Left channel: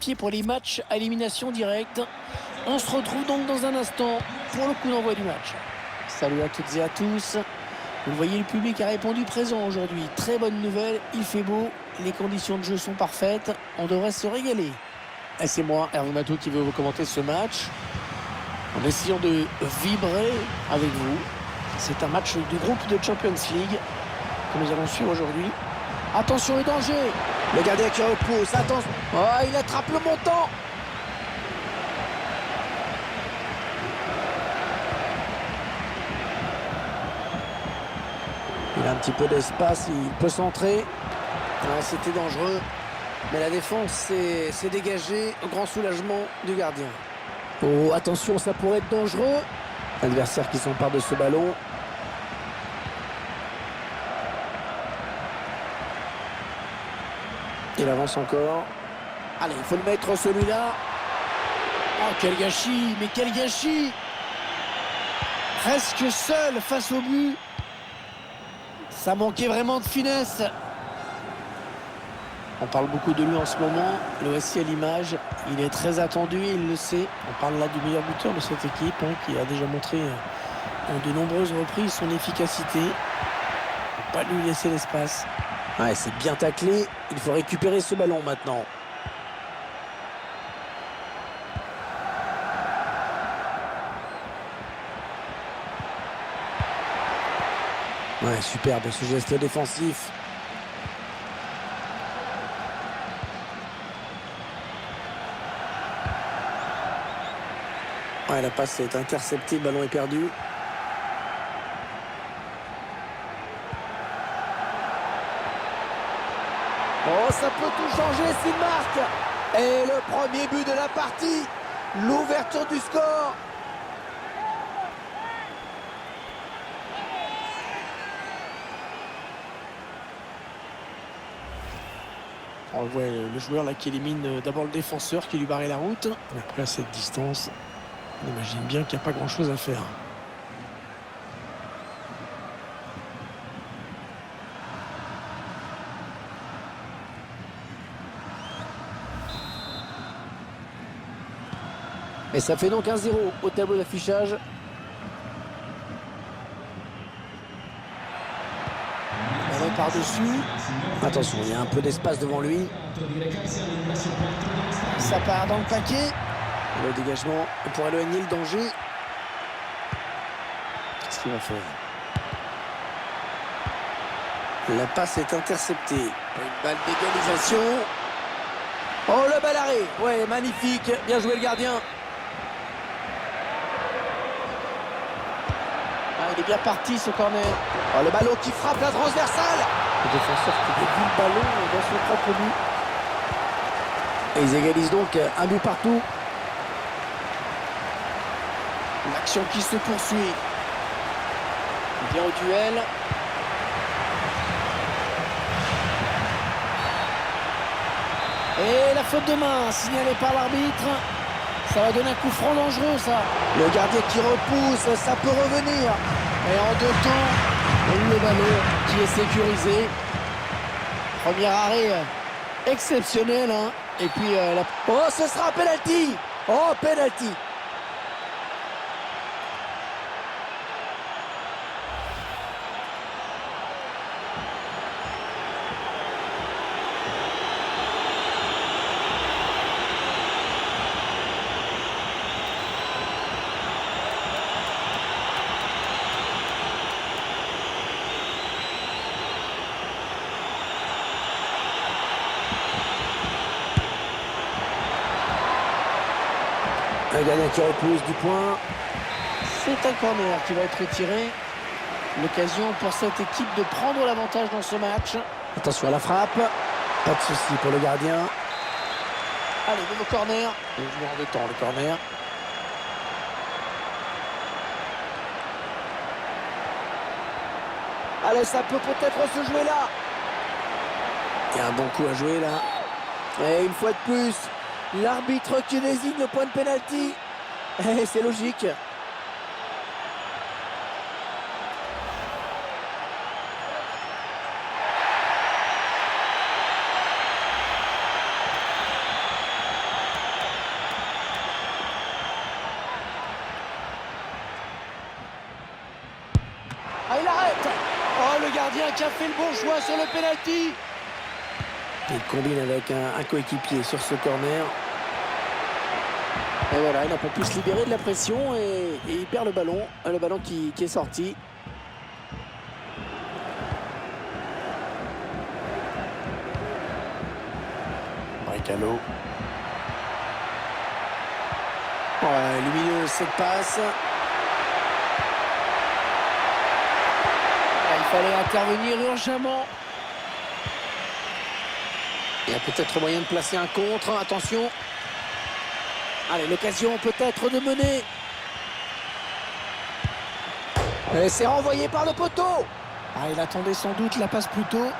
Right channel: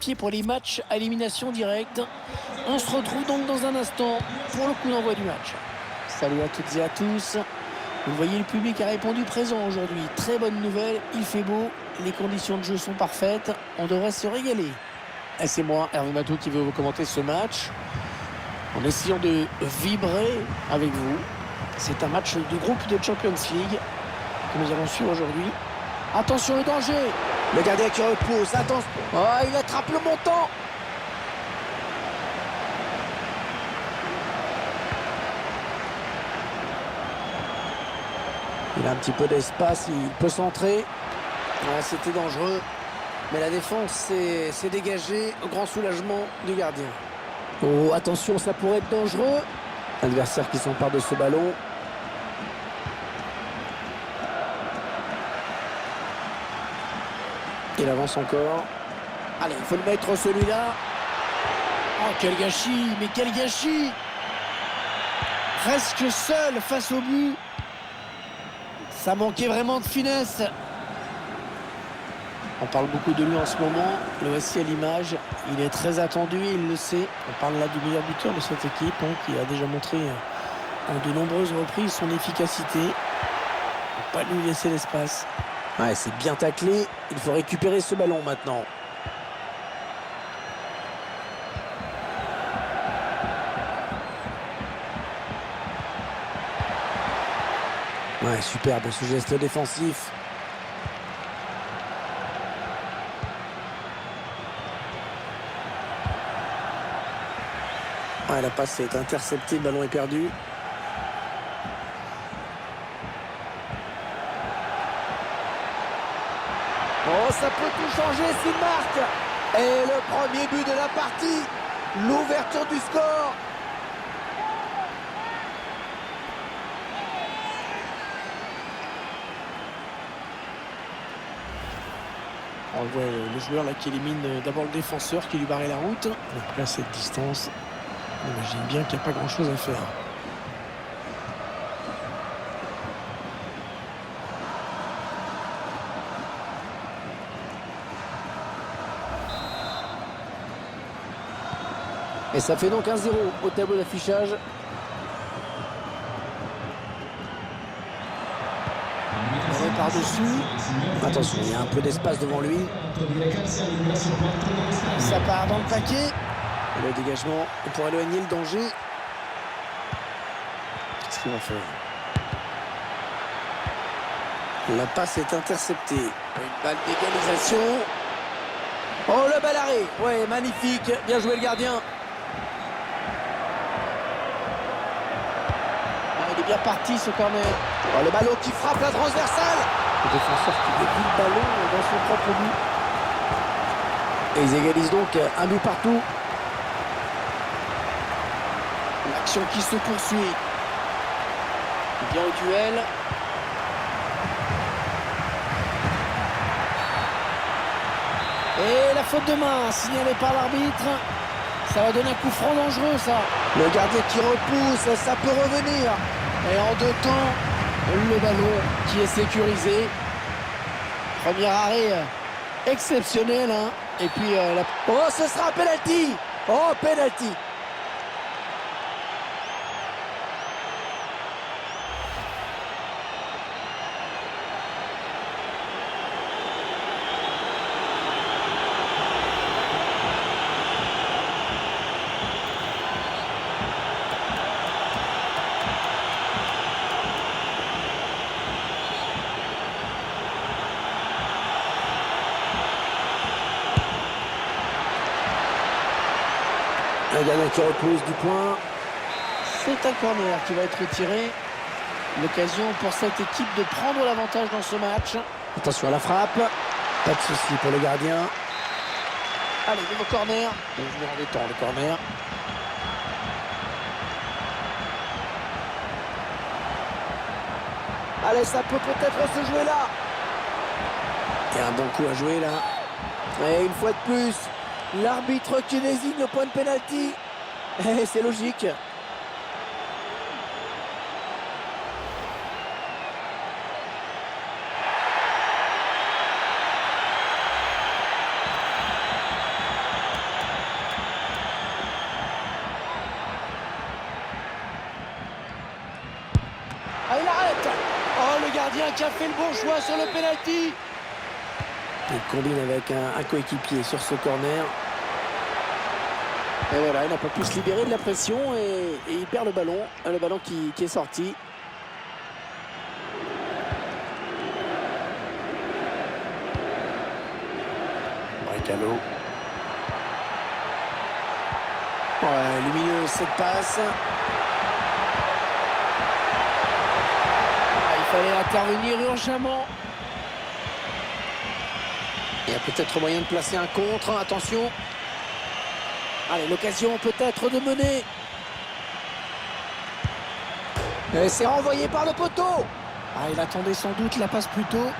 pied pour les matchs à élimination directe. On se retrouve donc dans un instant pour le coup d'envoi du match. Salut à toutes et à tous. Vous voyez, le public a répondu présent aujourd'hui. Très bonne nouvelle, il fait beau, les conditions de jeu sont parfaites, on devrait se régaler. Et c'est moi, Hervé Matou, qui veux vous commenter ce match en essayant de vibrer avec vous. C'est un match de groupe de Champions League que nous allons suivre aujourd'hui. Attention, le danger. Le gardien qui repousse, attention. Oh, il attrape le montant. Il a un petit peu d'espace, il peut centrer. Ouais, c'était dangereux. Mais la défense s'est dégagée au grand soulagement du gardien. Oh, attention, ça pourrait être dangereux. Adversaire qui s'empare de ce ballon. Il avance encore. Allez, il faut le mettre celui-là. Oh, quel gâchis, mais quel gâchis. Presque seul face au but. Ça manquait vraiment de finesse. On parle beaucoup de lui en ce moment. Le voici à l'image. Il est très attendu et il le sait. On parle là du meilleur buteur de cette équipe qui a déjà montré en de nombreuses reprises son efficacité. Il ne faut pas lui laisser l'espace. Ouais, c'est bien taclé. Il faut récupérer ce ballon maintenant. Ouais, superbe ce geste défensif. Ouais, la passe est interceptée, le ballon est perdu. Oh, ça peut tout changer s'il marque. Et le premier but de la partie. L'ouverture du score. On voit le joueur là qui élimine d'abord le défenseur qui lui barrait la route. Après à cette distance, on imagine bien qu'il n'y a pas grand chose à faire. Et ça fait donc 1-0 au tableau d'affichage. On est par-dessus. Attention, il y a un peu d'espace devant lui. Ça part dans le paquet. Et le dégagement pour éloigner le danger. Qu'est-ce qu'il va faire? La passe est interceptée. Une balle d'égalisation. Oh, le bal arrêt. Ouais, magnifique. Bien joué le gardien. Ah, il est bien parti ce corner. Oh, le ballon qui frappe la transversale. Le défenseur qui dévie le ballon dans son propre but. Et ils égalisent donc un but partout. L'action qui se poursuit. Bien au duel. Et la faute de main signalée par l'arbitre. Ça va donner un coup franc dangereux, ça. Le gardien qui repousse, ça peut revenir. Et en deux temps, le ballon qui est sécurisé. Premier arrêt exceptionnel. Hein. Et puis, oh, ce sera un penalty. Oh, penalty. Un gardien qui repousse du point. C'est un corner qui va être tiré. L'occasion pour cette équipe de prendre l'avantage dans ce match. Attention à la frappe. Pas de souci pour le gardien. Allez, nouveau corner. Il est venu en deux temps le corner. Allez, ça peut peut-être se jouer là. Il y a un bon coup à jouer là. Et une fois de plus, l'arbitre qui désigne le point de pénalty. C'est logique. gardien qui a fait le bon choix sur le penalty. Il combine avec un coéquipier sur ce corner. Et voilà, il n'a pas pu se libérer de la pression et il perd le ballon qui est sorti. Brekalo. Ouais, lumineuse cette passe. Il fallait intervenir urgemment. Il y a peut-être moyen de placer un contre. Attention. Allez, l'occasion peut-être de mener. Et c'est renvoyé par le poteau. Ah, il attendait sans doute la passe plus tôt.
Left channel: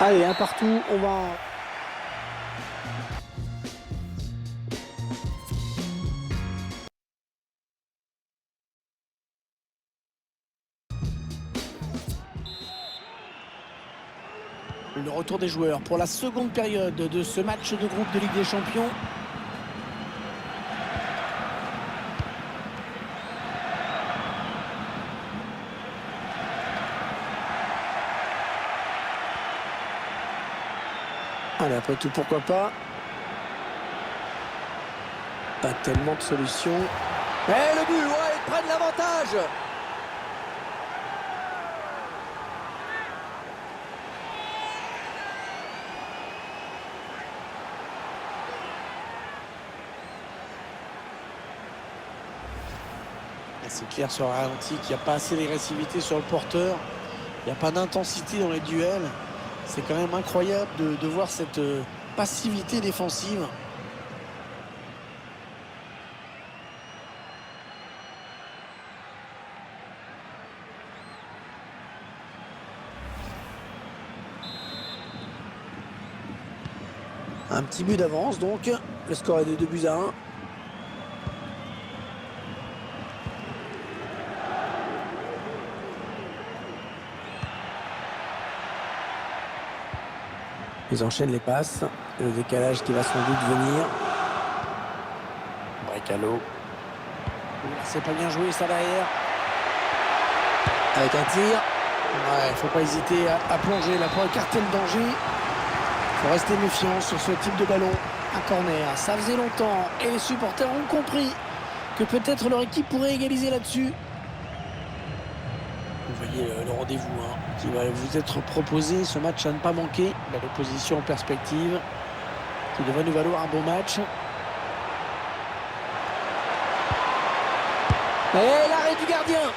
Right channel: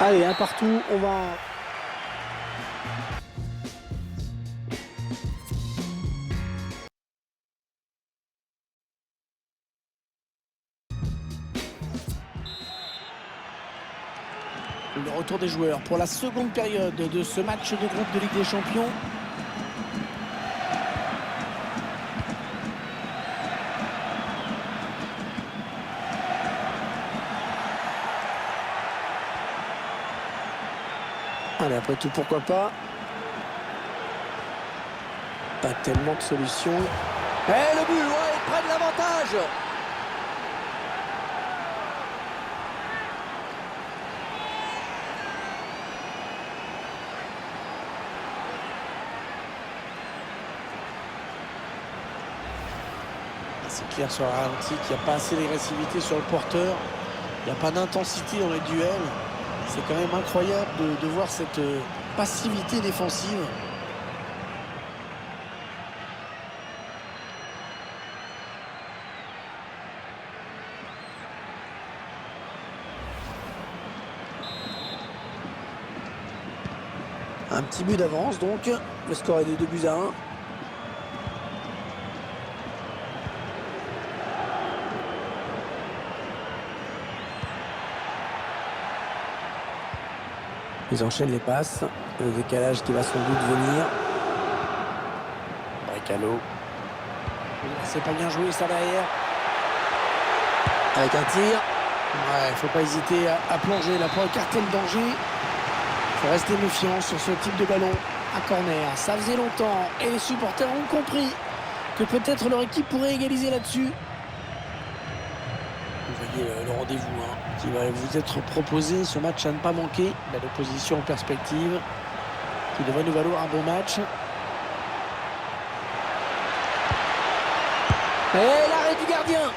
Allez, un partout, on va... Le retour des joueurs pour la seconde période de ce match de groupe de Ligue des Champions. Allez, après tout, pourquoi pas. Pas tellement de solutions. Et le but, ouais, ils prennent l'avantage. C'est clair sur le ralenti qu'il n'y a pas assez d'agressivité sur le porteur. Il n'y a pas d'intensité dans les duels. C'est quand même incroyable de voir cette passivité défensive. Un petit but d'avance donc. Le score est de 2-1. Ils enchaînent les passes. Le décalage qui va sans doute venir. Brekalo. C'est pas bien joué ça derrière. Avec un tir. Ouais, faut pas hésiter à plonger là pour écarter le danger. Faut rester méfiant sur ce type de ballon. Un corner, ça faisait longtemps. Et les supporters ont compris que peut-être leur équipe pourrait égaliser là-dessus. Vous voyez le rendez-vous qui va vous être proposé, ce match à ne pas manquer. L'opposition en perspective qui devrait nous valoir un bon match. Et l'arrêt du gardien.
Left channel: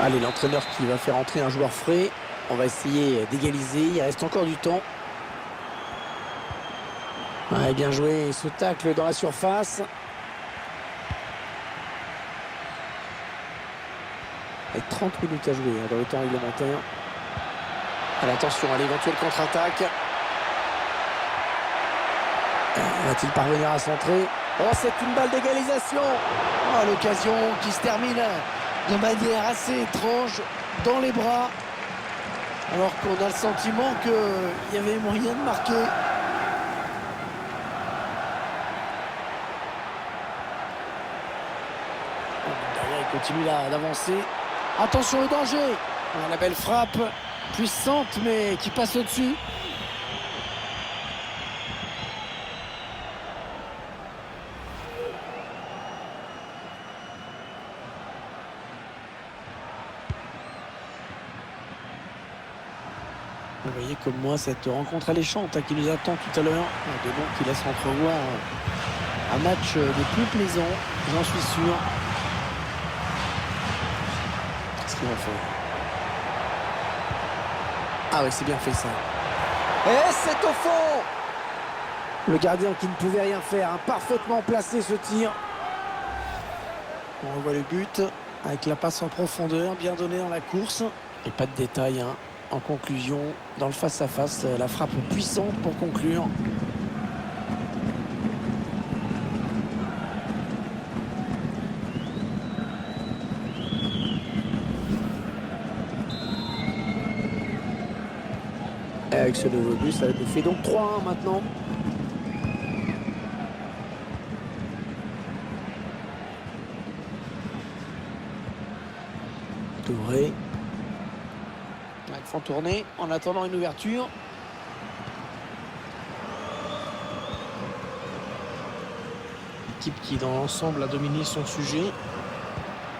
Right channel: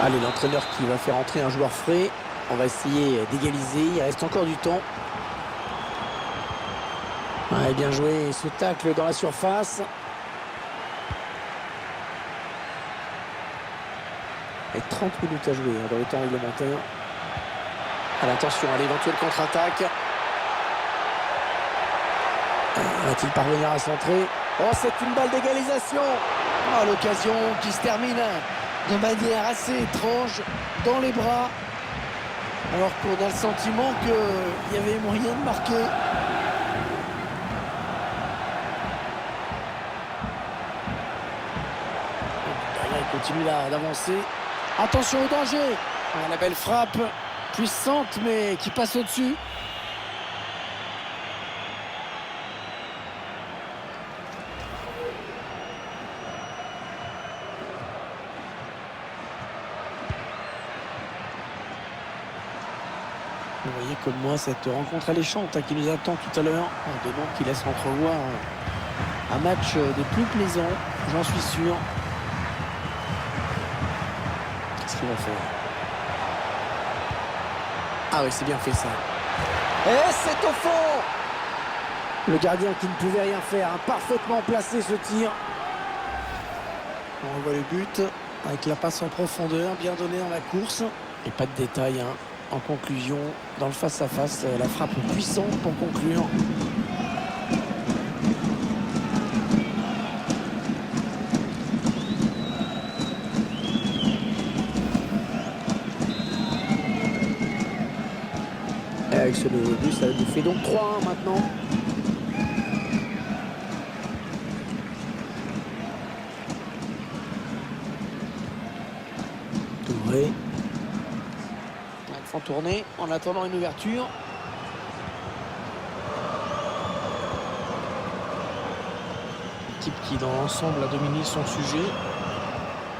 Allez, l'entraîneur qui va faire entrer un joueur frais. On va essayer d'égaliser, il reste encore du temps. Ouais, bien joué, ce tacle dans la surface. Et 30 minutes à jouer dans le temps réglementaire. Allez, attention à l'éventuelle contre-attaque. Va-t-il parvenir à centrer? Oh, c'est une balle d'égalisation. Oh, l'occasion qui se termine de manière assez étrange dans les bras. Alors qu'on a le sentiment qu'il y avait moyen de marquer. Derrière, il continue d'avancer. Attention au danger. La belle frappe, puissante, mais qui passe au-dessus. Vous voyez comme moi cette rencontre alléchante qui nous attend tout à l'heure. Des noms qui laissent entrevoir un match des plus plaisants, j'en suis sûr. Qu'est-ce qu'il va faire? Ah oui, c'est bien fait ça. Et c'est au fond. Le gardien qui ne pouvait rien faire, parfaitement placé ce tir. On revoit le but avec la passe en profondeur, bien donnée dans la course. Et pas de détails, En conclusion, dans le face-à-face, la frappe puissante pour conclure. Et avec ce nouveau but, ça nous fait donc 3-1 maintenant. Touré. Ils font tourner en attendant une ouverture. L'équipe qui dans l'ensemble a dominé son sujet,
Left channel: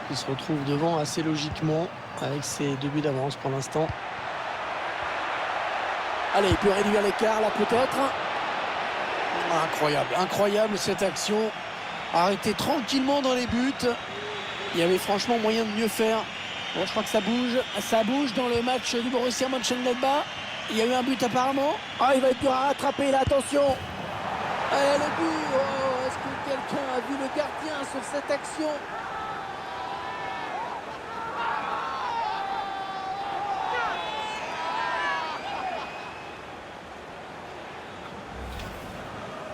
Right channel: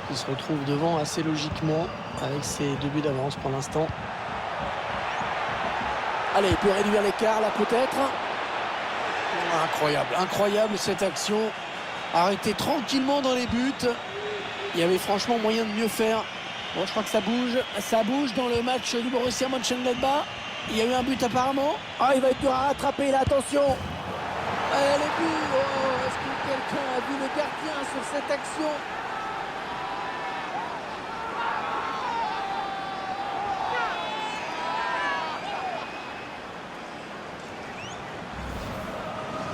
qui se retrouve devant assez logiquement avec ses 2 buts d'avance pour l'instant. Allez, il peut réduire l'écart là peut-être. Incroyable, incroyable cette action. Arrêté tranquillement dans les buts. Il y avait franchement moyen de mieux faire. Bon, je crois que ça bouge dans le match du Borussia Mönchengladbach. Il y a eu un but apparemment. Ah, il va être dur à rattraper là, attention. Allez, le but. Oh, est-ce que quelqu'un a vu le gardien sur cette action?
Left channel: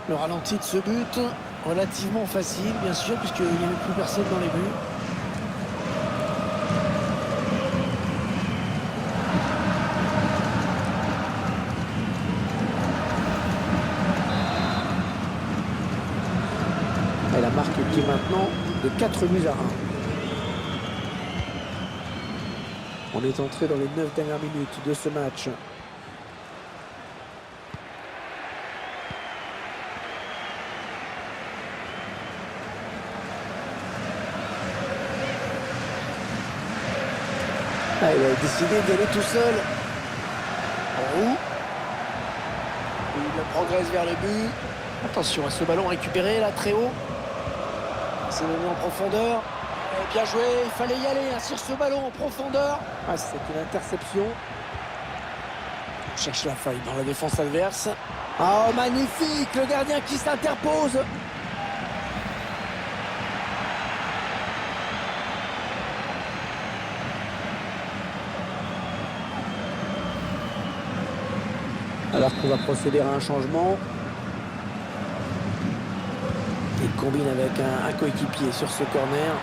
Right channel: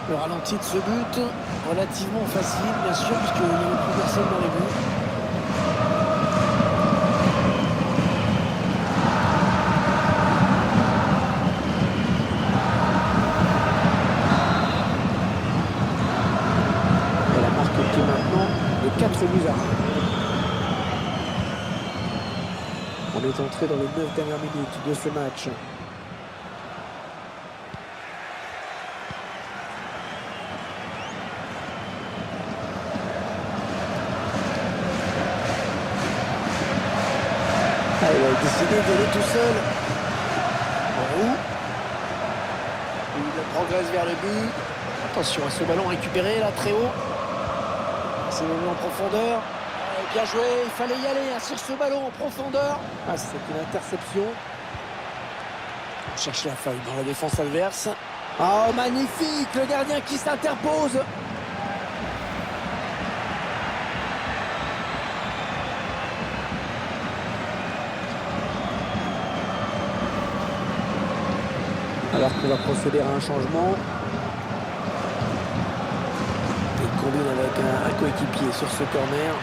Le ralenti de ce but, relativement facile, bien sûr, puisqu'il n'y avait plus personne dans les buts. Et la marque qui est maintenant de 4 buts à 1. On est entré dans les 9 dernières minutes de ce match. Ah, il a décidé d'aller tout seul. En roue. Il progresse vers le but. Attention à ce ballon récupéré là très haut. C'est venu en profondeur. Allez, bien joué, il fallait y aller sur ce ballon en profondeur. Ah, c'est une interception. On cherche la faille dans la défense adverse. Oh, magnifique, le gardien qui s'interpose. Alors qu'on va procéder à un changement. Il combine avec un coéquipier sur ce corner.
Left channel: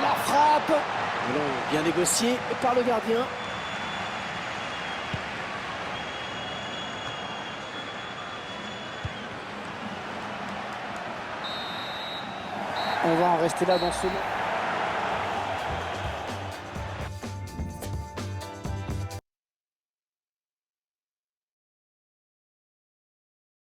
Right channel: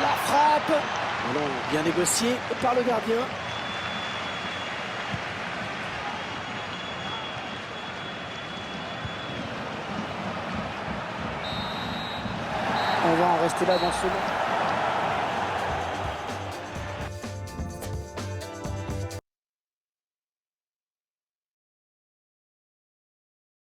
La frappe. Ballon bien négocié par le gardien. On va en rester là dans ce match.